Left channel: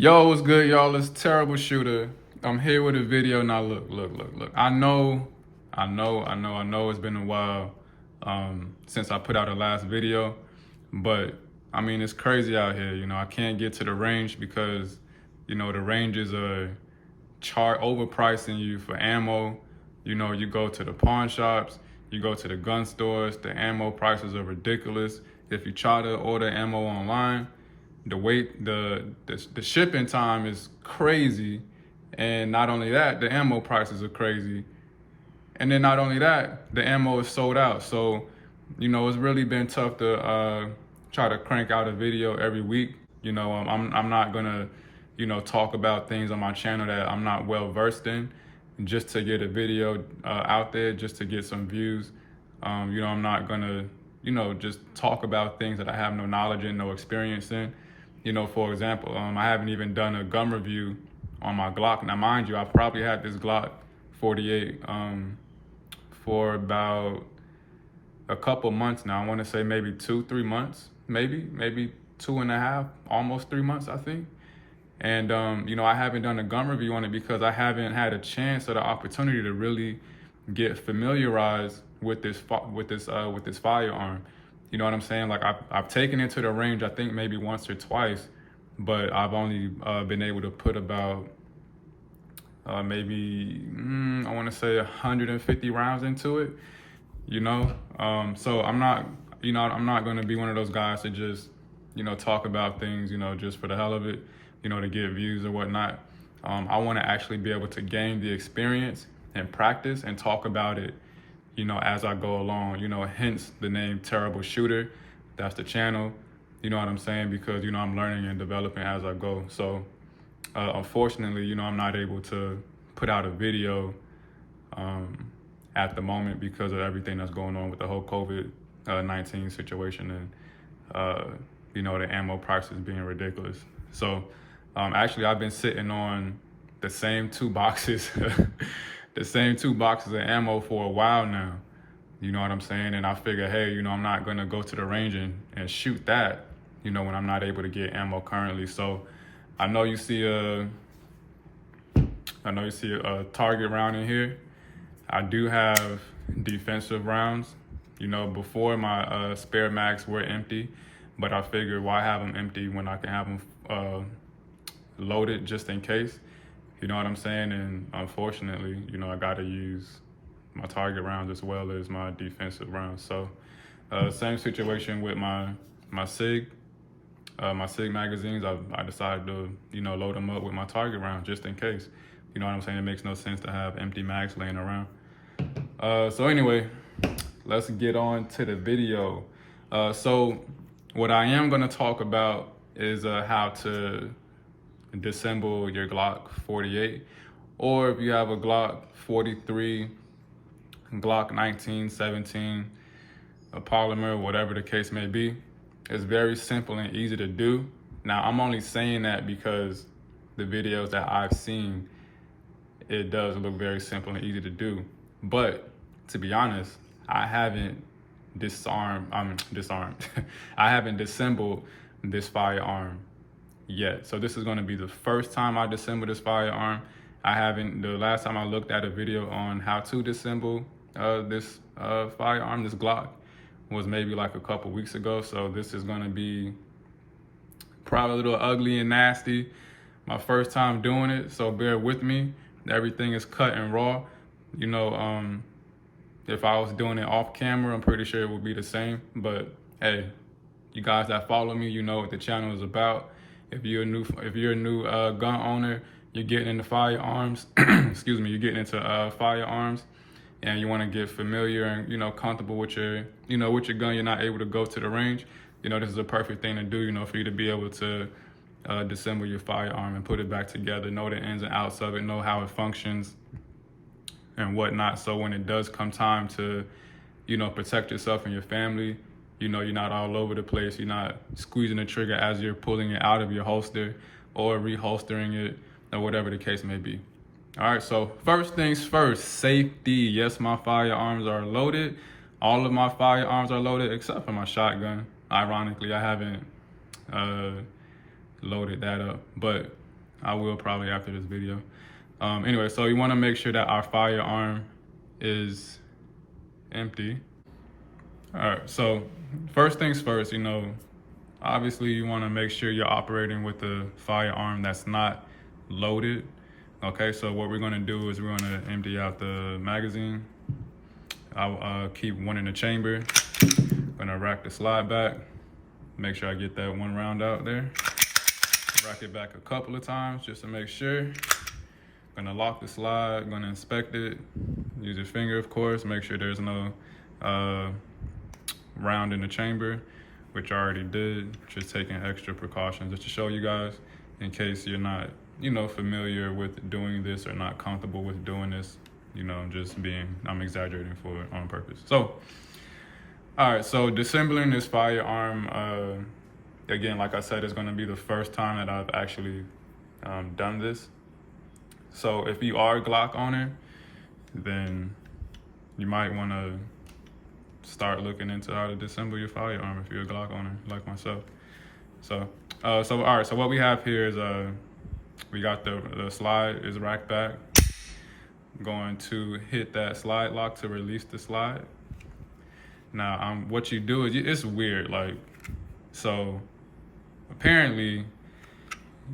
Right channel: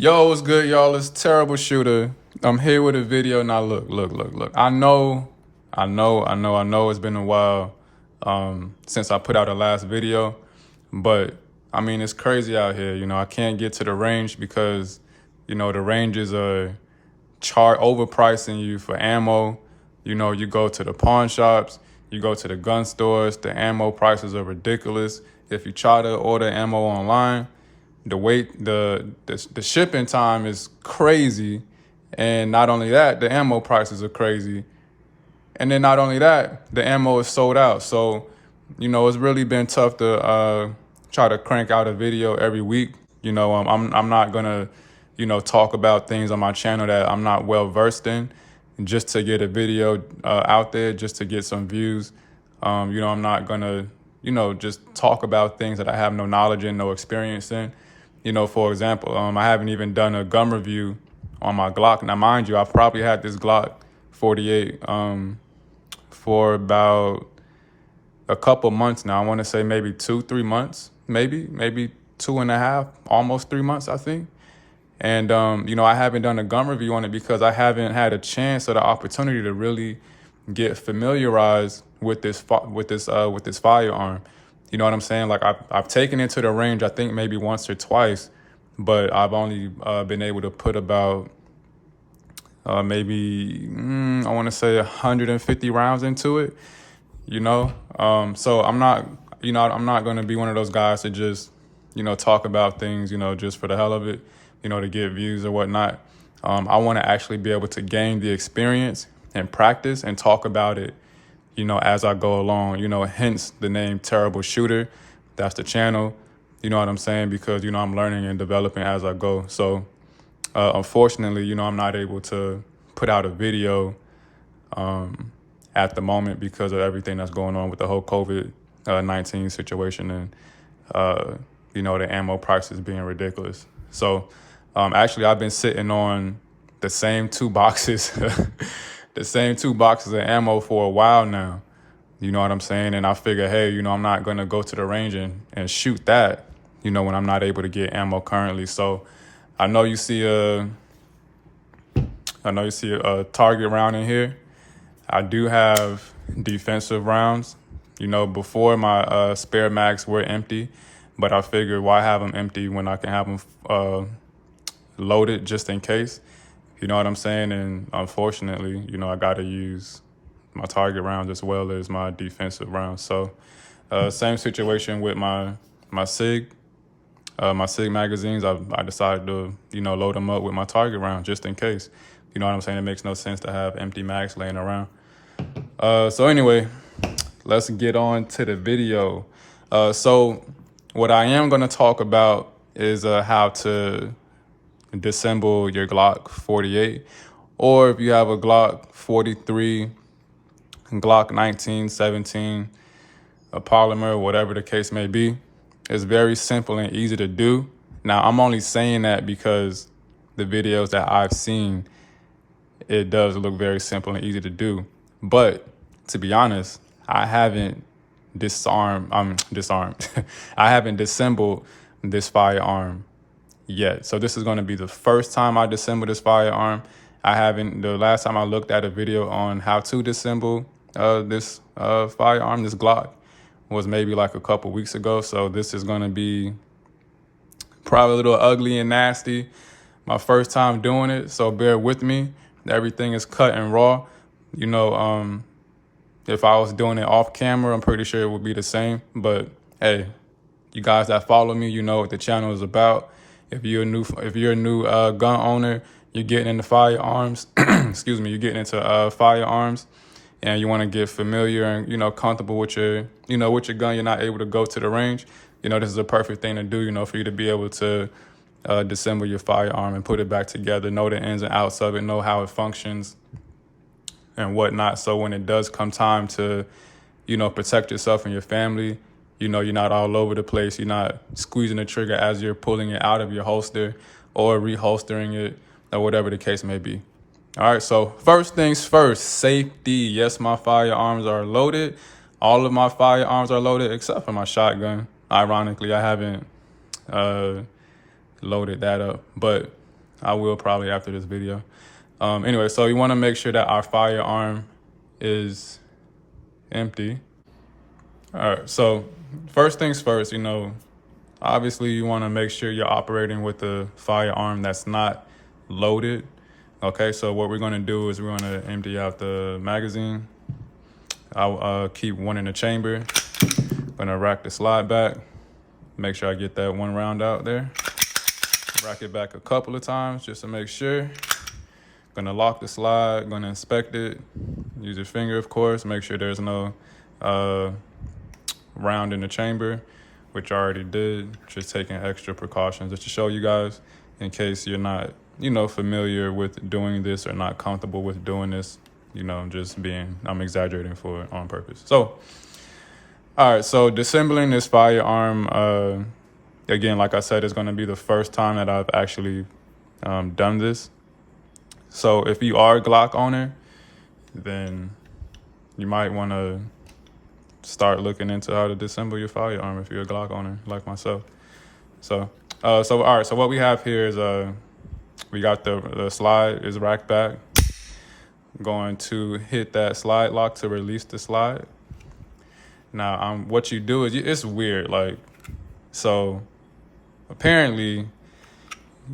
Yo, what's good, y'all? It's Terrible Shooter. I'm here with a video. Now, look. I know it's been a while since I put out the last video, but I mean, it's crazy out here. I can't get to the range because, the ranges are overpricing you for ammo. You go to the pawn shops, you go to the gun stores, the ammo prices are ridiculous. If you try to order ammo online, the shipping time is crazy, and not only that, the ammo prices are crazy, and then not only that, the ammo is sold out. So, it's really been tough to try to crank out a video every week. I'm not gonna, talk about things on my channel that I'm not well versed in, just to get a video out there, just to get some views. I'm not gonna, just talk about things that I have no knowledge in, no experience in. For example, I haven't even done a gun review on my Glock. Now, mind you, I've probably had this Glock 48 for about a couple months now. I want to say maybe 2-3 months, maybe 2.5, almost 3 months, I think. And, I haven't done a gun review on it because I haven't had a chance or the opportunity to really get familiarized with this firearm. You know what I'm saying? Like I've taken it to the range, I think maybe once or twice, but I've only been able to put about maybe I want to say 150 rounds into it. So I'm not going to be one of those guys to just talk about things just for the hell of it, to get views or whatnot. I want to actually be able to gain the experience and practice and talk about it as I go along, hence the name Terrible Shooter. That's the channel, you know what I'm saying? Because, I'm learning and developing as I go. So, unfortunately, I'm not able to put out a video at the moment because of everything that's going on with the whole COVID-19 situation and, the ammo prices being ridiculous. So, actually, I've been sitting on the same two boxes the same two boxes of ammo for a while now. You know what I'm saying? And I figure, hey, I'm not going to go to the range and shoot that, when I'm not able to get ammo currently. So I know you see a target round in here. I do have defensive rounds. Before my spare mags were empty, but I figured why have them empty when I can have them loaded just in case. You know what I'm saying? And unfortunately, I got to use my target rounds as well as my defensive rounds. So same situation with my SIG magazines. I decided to, load them up with my target round just in case. You know what I'm saying? It makes no sense to have empty mags laying around. So anyway, let's get on to the video. So what I am going to talk about is how to disassemble your Glock 48, or if you have a Glock 43, Glock 19, 17, a polymer, whatever the case may be. It's very simple and easy to do. Now, I'm only saying that because the videos that I've seen, it does look very simple and easy to do. But to be honest, I haven't disarmed. I haven't disassembled this firearm yet. So this is going to be the first time I disassemble this firearm. The last time I looked at a video on how to disassemble this firearm, this Glock, was maybe like a couple weeks ago. So this is going to be probably a little ugly and nasty. My first time doing it, so bear with me. Everything is cut and raw. If I was doing it off camera, I'm pretty sure it would be the same. But hey, you guys that follow me, you know what the channel is about. If you're a new gun owner, you're getting into firearms. Excuse me, you're getting into firearms, and you want to get familiar and comfortable with your gun. You're not able to go to the range. This is a perfect thing to do. For you to be able to disassemble your firearm and put it back together, know the ins and outs of it, know how it functions and whatnot. So when it does come time to protect yourself and your family, you're not all over the place. You're not squeezing the trigger as you're pulling it out of your holster or reholstering it or whatever the case may be. All right, so first things first, safety. Yes, my firearms are loaded. All of my firearms are loaded except for my shotgun. Ironically, I haven't loaded that up. But I will probably after this video. Anyway, so you want to make sure that our firearm is empty. All right, so first things first, obviously you want to make sure you're operating with a firearm that's not loaded. Okay, so what we're going to do is we're going to empty out the magazine. I'll keep one in the chamber. I'm going to rack the slide back. Make sure I get that one round out there. Rack it back a couple of times just to make sure. Gonna lock the slide, gonna inspect it. Use your finger, of course. Make sure there's no round in the chamber, which I already did. Just taking extra precautions just to show you guys in case you're not, familiar with doing this or not comfortable with doing this. I'm exaggerating for on purpose. So, all right, so disassembling this firearm, again, like I said, it's gonna be the first time that I've actually done this. So if you are a Glock owner, then you might wanna start looking into how to disassemble your firearm if you're a Glock owner like myself. So all right, so what we have here is we got the slide is racked back. Going to hit that slide lock to release the slide. Now, what you do is, it's weird, so apparently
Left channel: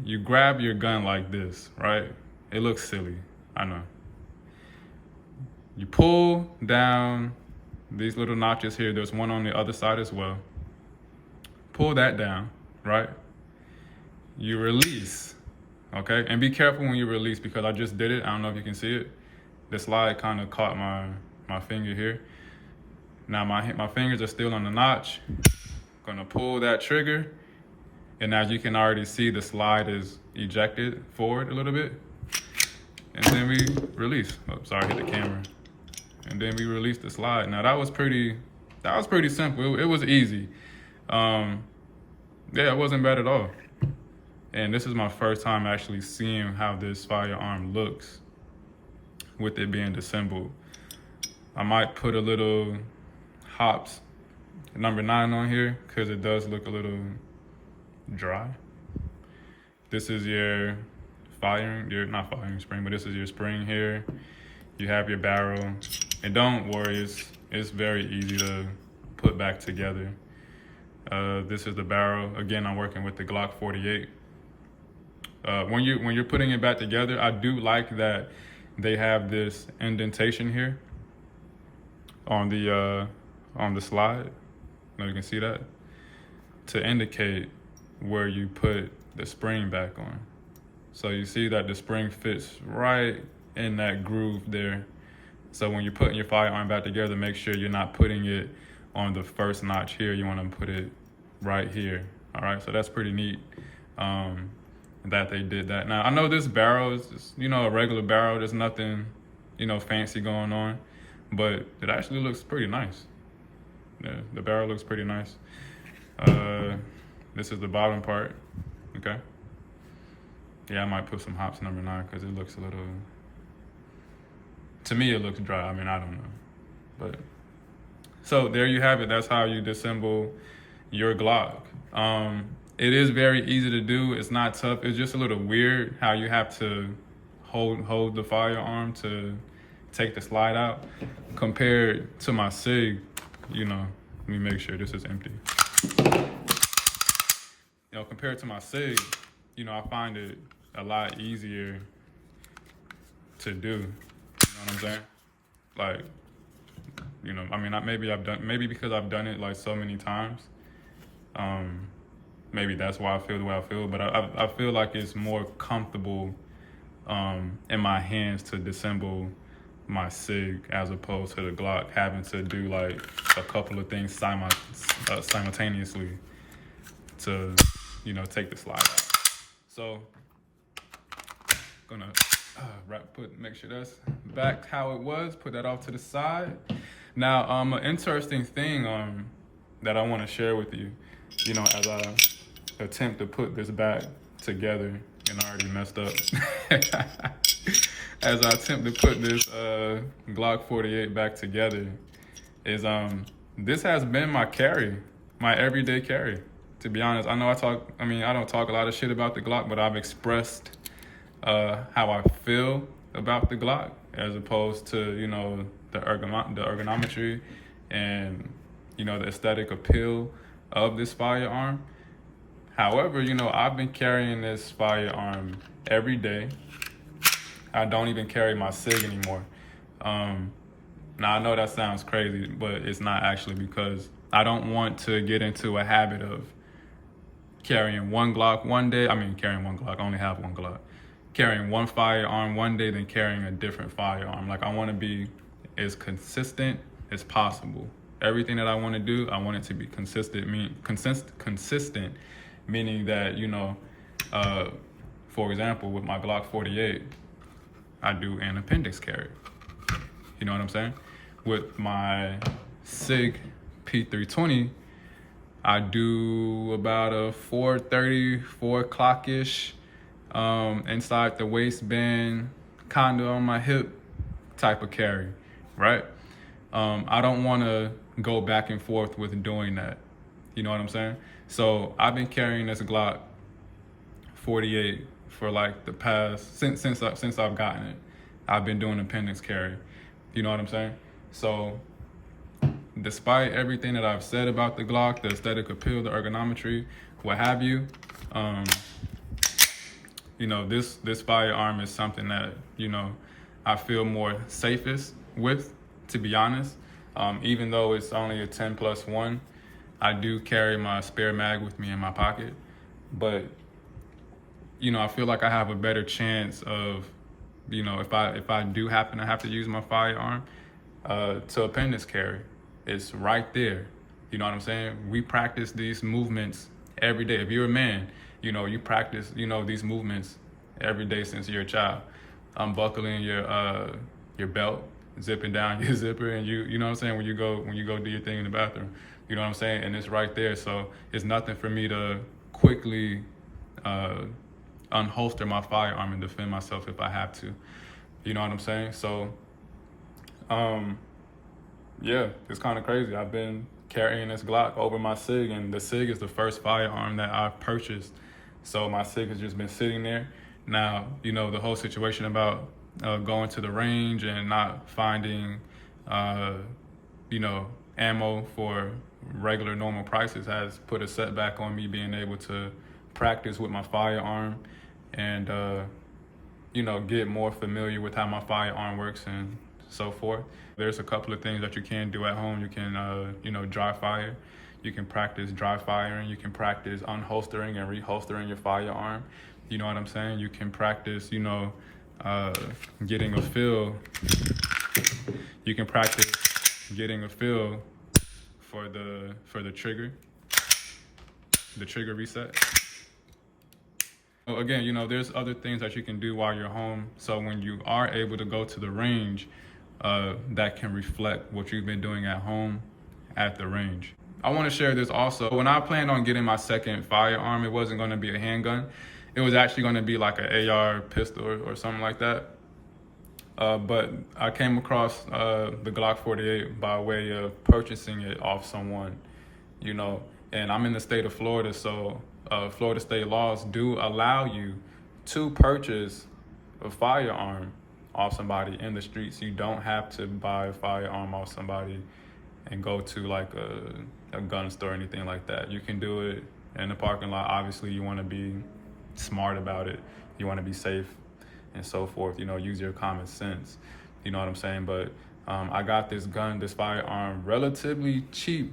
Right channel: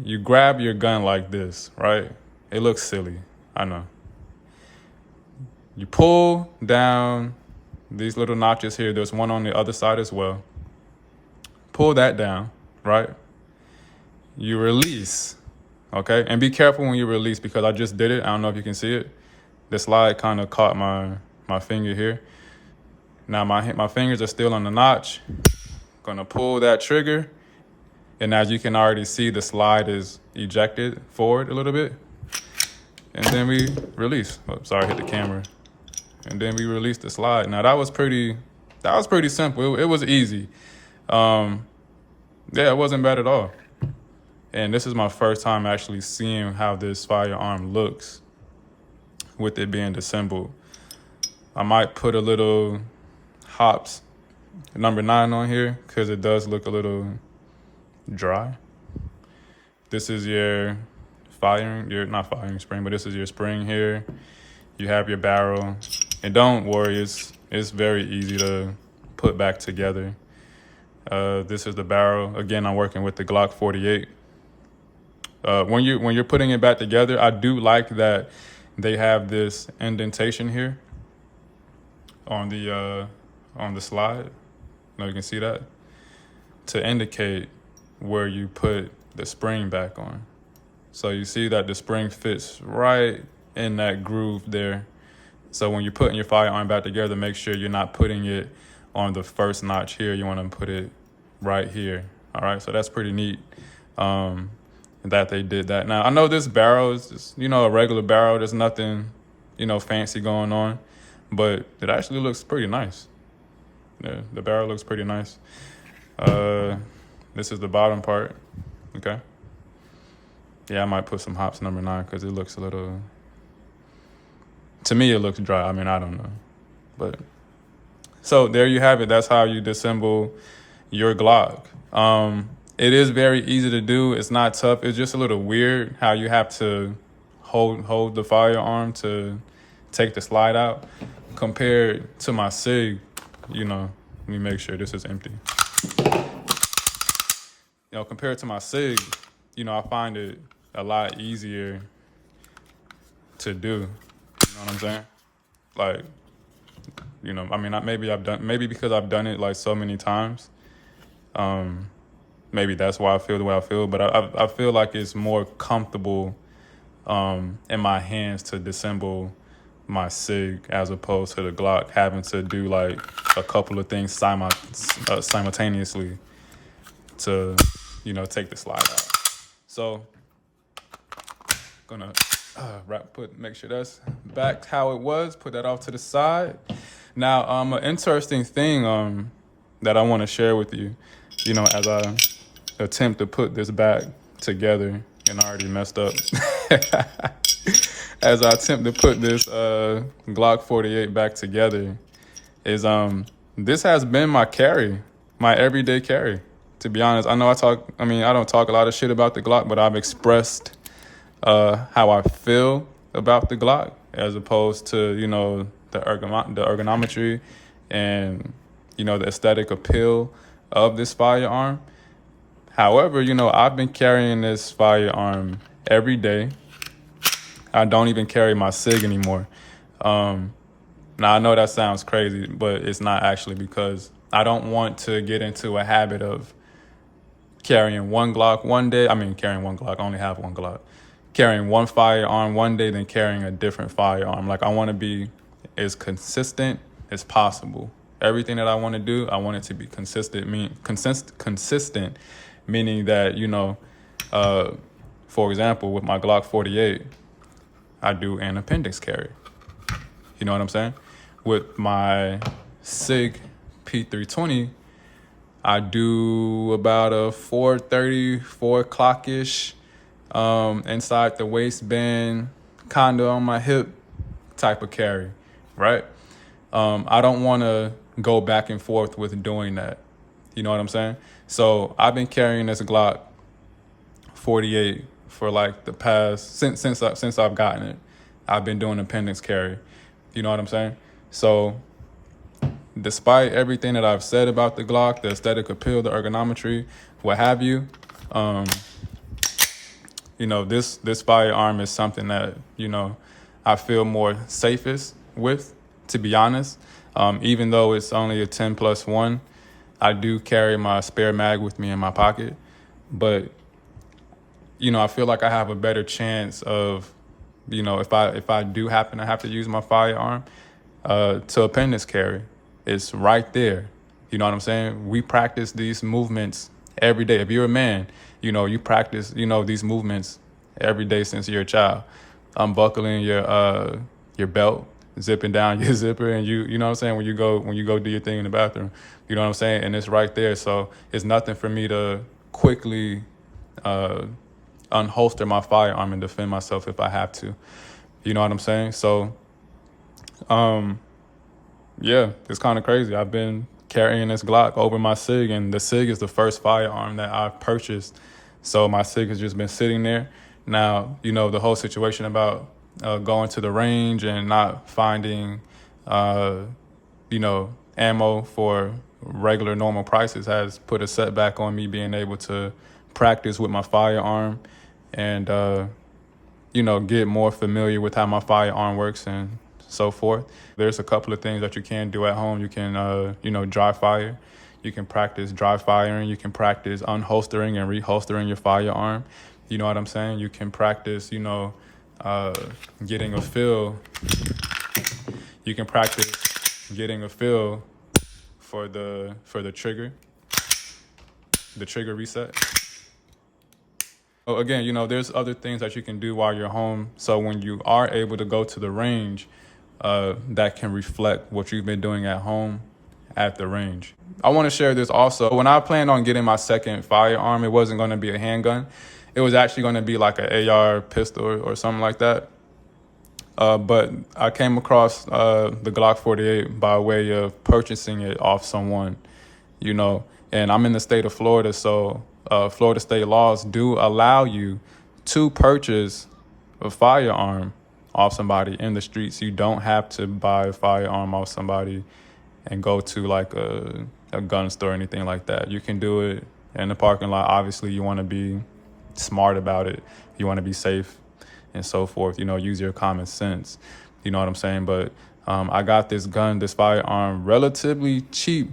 you grab your gun like this, right? It looks silly, I know. You pull down these little notches here. There's one on the other side as well. Pull that down, right? You release, okay? And be careful when you release because I just did it. I don't know if you can see it. The slide kind of caught my finger here. Now my fingers are still on the notch. Gonna pull that trigger. And as you can already see, the slide is ejected forward a little bit. And then we release. Oh, sorry, hit the camera. And then we release the slide. Now that was pretty simple. It was easy. Yeah, it wasn't bad at all. And this is my first time actually seeing how this firearm looks with it being disassembled. I might put a little hops number 9 on here because it does look a little dry. This is your not firing spring, but this is your spring here. You have your barrel, and don't worry, it's very easy to put back together. This is the barrel. Again, I'm working with the Glock 48. When you're putting it back together, I do like that they have this indentation here on the slide. Now you can see that to indicate where you put the spring back on. So you see that the spring fits right in that groove there. So when you're putting your firearm back together, make sure you're not putting it on the first notch here. You want to put it right here. All right, so that's pretty neat that they did that. Now, I know this barrel is just, a regular barrel. There's nothing, fancy going on, but it actually looks pretty nice. Yeah, the barrel looks pretty nice. This is the bottom part, okay? Yeah, I might put some hops number 9 because it looks a little, to me, it looks dry. I mean, I don't know, but. So there you have it. That's how you disassemble your Glock. It is very easy to do. It's not tough. It's just a little weird how you have to hold the firearm to take the slide out compared to my SIG. Let me make sure this is empty. Compared to my SIG, I find it a lot easier to do. You know what I'm saying? Maybe because I've done it like so many times. Maybe that's why I feel the way I feel, but I feel like it's more comfortable in my hands to disassemble my SIG as opposed to the Glock having to do like a couple of things simultaneously to, take the slide out. So gonna make sure that's back how it was, put that off to the side. Now, an interesting thing that I want to share with you, as I attempt to put this back together, and I already messed up. As I attempt to put this Glock 48 back together, is this has been my carry, my everyday carry. To be honest, I know I don't talk a lot of shit about the Glock, but I've expressed how I feel about the Glock as opposed to, you know, the ergonometry and, you know, the aesthetic appeal of this firearm. However, you know, I've been carrying this firearm every day. I don't even carry my SIG anymore. Now, I know that sounds crazy, but it's not actually, because I don't want to get into a habit of carrying one Glock one day. I mean, carrying one Glock, I only have one Glock. Carrying one firearm one day, then carrying a different firearm. Like, I want to be as consistent as possible. Everything that I want to do, I want it to be consistent, meaning that, you know, for example, with my Glock 48, I do an appendix carry. You know what I'm saying? With my SIG P320, I do about a 430, 4 o'clock-ish, inside the waistband, kind of on my hip type of carry, right? I don't want to go back and forth with doing that. You know what I'm saying? So I've been carrying this Glock 48 for like the past, since I've gotten it. I've been doing appendix carry. You know what I'm saying? So despite everything that I've said about the Glock, the aesthetic appeal, the ergonometry, what have you, you know, this firearm is something that, you know, I feel more safest with, to be honest. Even though it's only a 10+1, I do carry my spare mag with me in my pocket. But, you know, I feel like I have a better chance of, you know, if I do happen to have to use my firearm to appendix carry, it's right there. You know what I'm saying? We practice these movements every day. If you're a man, you know, you practice, you know, these movements every day since you're a child. Unbuckling your belt, zipping down your zipper, and you know what I'm saying, when you go do your thing in the bathroom. You know what I'm saying? And it's right there. So it's nothing for me to quickly unholster my firearm and defend myself if I have to. You know what I'm saying? So yeah, it's kind of crazy. I've been carrying this Glock over my SIG, and the SIG is the first firearm that I've purchased. So my SIG has just been sitting there. Now, you know, the whole situation about going to the range and not finding, you know, ammo for regular normal prices has put a setback on me being able to practice with my firearm and, you know, get more familiar with how my firearm works and so forth. There's a couple of things that you can do at home. You can, you know, dry fire. You can practice dry firing. You can practice unholstering and reholstering your firearm. You know what I'm saying? You can practice, you know, getting a feel. You can practice getting a feel for the trigger reset. So again, you know, there's other things that you can do while you're home. So when you are able to go to the range, that can reflect what you've been doing at home at the range. I want to share this also. When I planned on getting my second firearm, it wasn't going to be a handgun. It was actually going to be like an AR pistol or something like that. But I came across the Glock 48 by way of purchasing it off someone, you know, and I'm in the state of Florida, so Florida state laws do allow you to purchase a firearm off somebody in the streets. You don't have to buy a firearm off somebody and go to like a gun store or anything like that. You can do it in the parking lot. Obviously, you want to be smart about it. You want to be safe and so forth, you know, use your common sense. You know what I'm saying? But I got this firearm relatively cheap.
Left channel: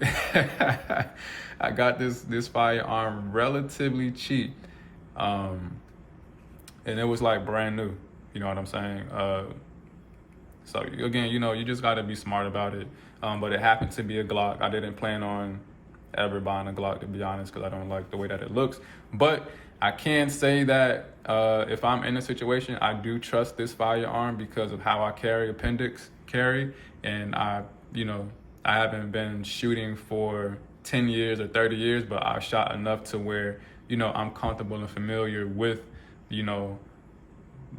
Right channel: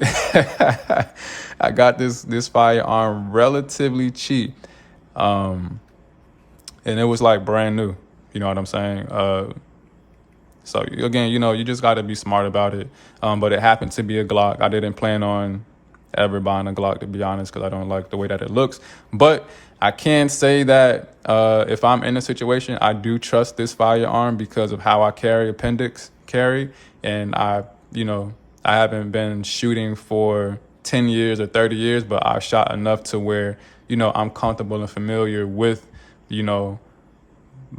I got this firearm relatively cheap. And it was like brand new. You know what I'm saying? So again, you know, you just got to be smart about it. But it happened to be a Glock. I didn't plan on ever buying a Glock, to be honest, because I don't like the way that it looks. But I can say that if I'm in a situation, I do trust this firearm because of how I carry appendix carry. And I haven't been shooting for 10 years or 30 years, but I've shot enough to where, you know, I'm comfortable and familiar with, you know,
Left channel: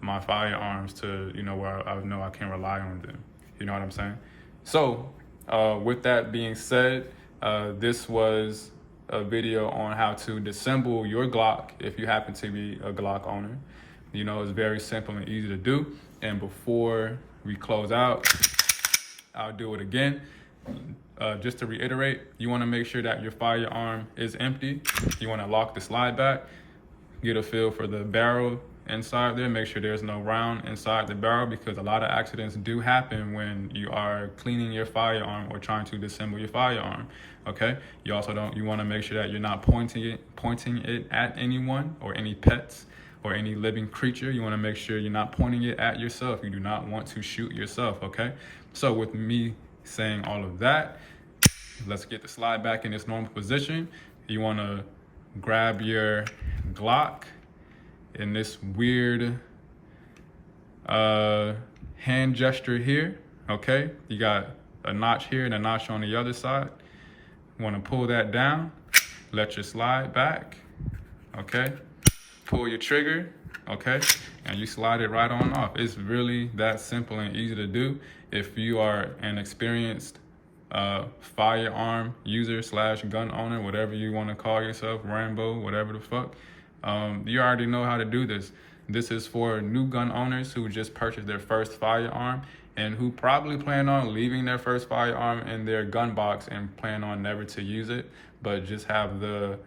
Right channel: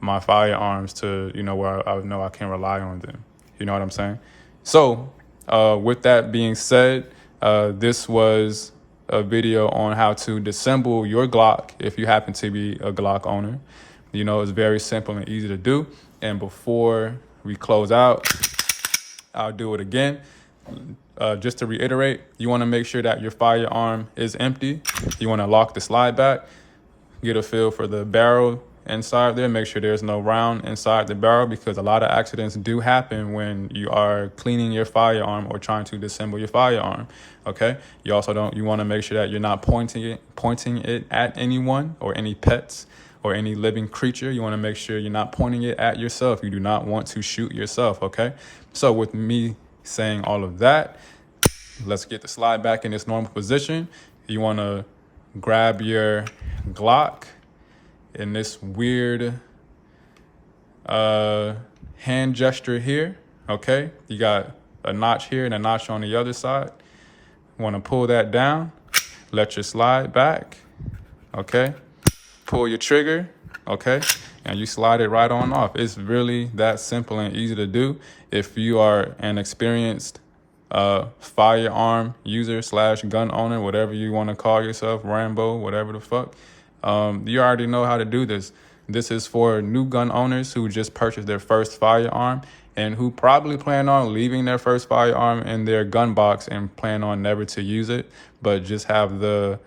my firearms to, you know, where I know I can rely on them. You know what I'm saying? So with that being said, this was a video on how to dissemble your Glock if you happen to be a Glock owner. You know, it's very simple and easy to do. And before we close out, I'll do it again. Just to reiterate, you want to make sure that your firearm is empty. You want to lock the slide back, get a feel for the barrel inside there, make sure there's no round inside the barrel, because a lot of accidents do happen when you are cleaning your firearm or trying to disassemble your firearm. Okay, you want to make sure that you're not pointing it at anyone or any pets or any living creature. You want to make sure you're not pointing it at yourself. You do not want to shoot yourself. Okay, so with me saying all of that, let's get the slide back in its normal position. You want to grab your Glock in this weird hand gesture here. Okay, you got a notch here and a notch on the other side. You want to pull that down, let your slide back. Okay, pull your trigger. Okay, and you slide it right on off. It's really that simple and easy to do. If you are an experienced firearm user / gun owner, whatever you want to call yourself, Rambo, whatever the fuck, you already know how to do this. This is for new gun owners who just purchased their first firearm and who probably plan on leaving their first firearm in their gun box and plan on never to use it, but just have the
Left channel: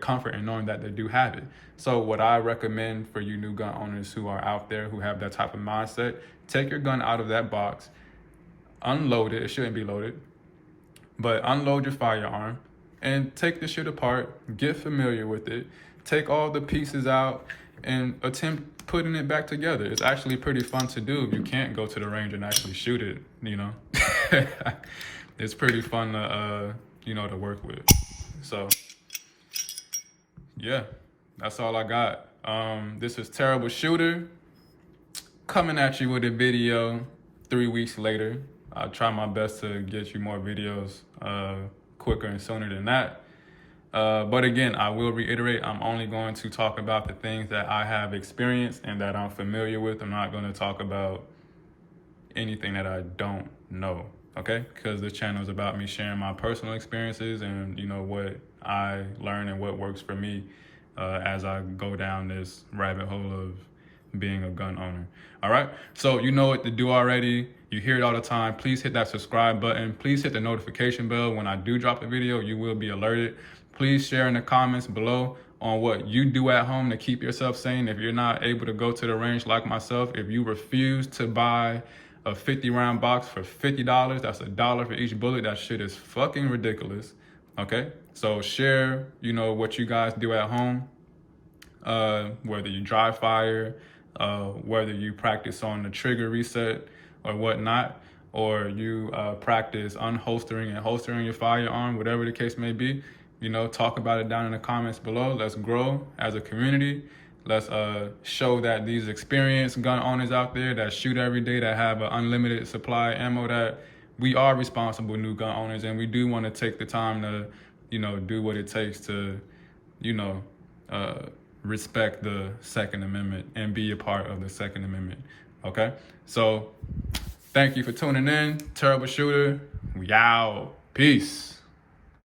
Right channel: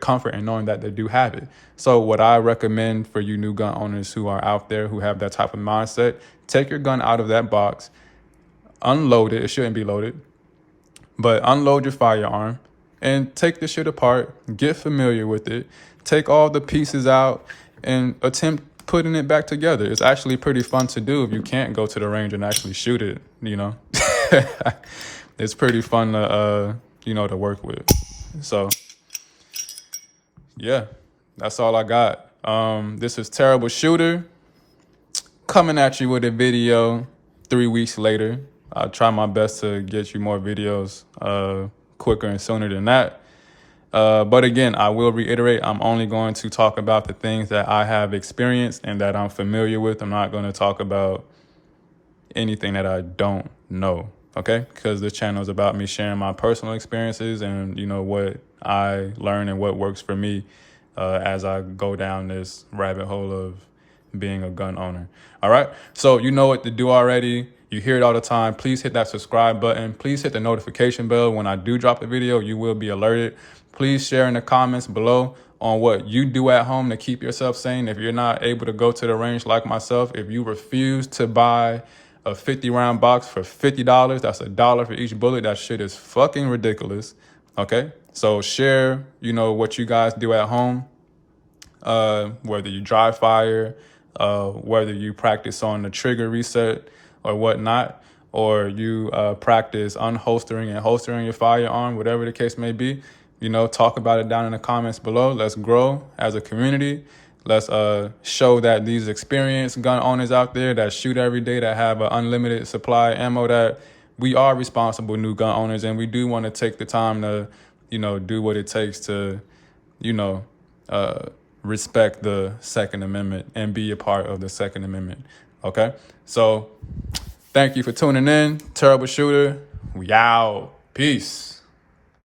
comfort in knowing that they do have it. So what I recommend for you new gun owners who are out there who have that type of mindset, take your gun out of that box, unload it. It shouldn't be loaded, but unload your firearm and take the shit apart, get familiar with it, take all the pieces out and attempt putting it back together. It's actually pretty fun to do if you can't go to the range and actually shoot it, you know. It's pretty fun to, to work with. So yeah, that's all I got. This is Terrible Shooter coming at you with a video 3 weeks later. I'll try my best to get you more videos quicker and sooner than that. But again, I will reiterate, I'm only going to talk about the things that I have experienced and that I'm familiar with. I'm not going to talk about anything that I don't know, okay? Because this channel is about me sharing my personal experiences and, what I learn and what works for me as I go down this rabbit hole of being a gun owner. All right, so you know what to do already. You hear it all the time. Please hit that subscribe button. Please hit the notification bell. When I do drop a video, you will be alerted. Please share in the comments below on what you do at home to keep yourself sane. If you're not able to go to the range like myself, if you refuse to buy a 50-round box for $50, that's $1 for each bullet. That shit is fucking ridiculous. Okay, so share, what you guys do at home, whether you dry fire, whether you practice on the trigger reset or whatnot, or you practice unholstering and holstering your firearm, whatever the case may be. Talk about it down in the comments below. Let's grow as a community. Let's show that these experienced gun owners out there that shoot every day, that have an unlimited supply of ammo, that we are responsible new gun owners, and we do want to take the time to, do what it takes to, respect the Second Amendment and be a part of the Second Amendment. Okay, so thank you for tuning in. Terrible Shooter, we out. Peace.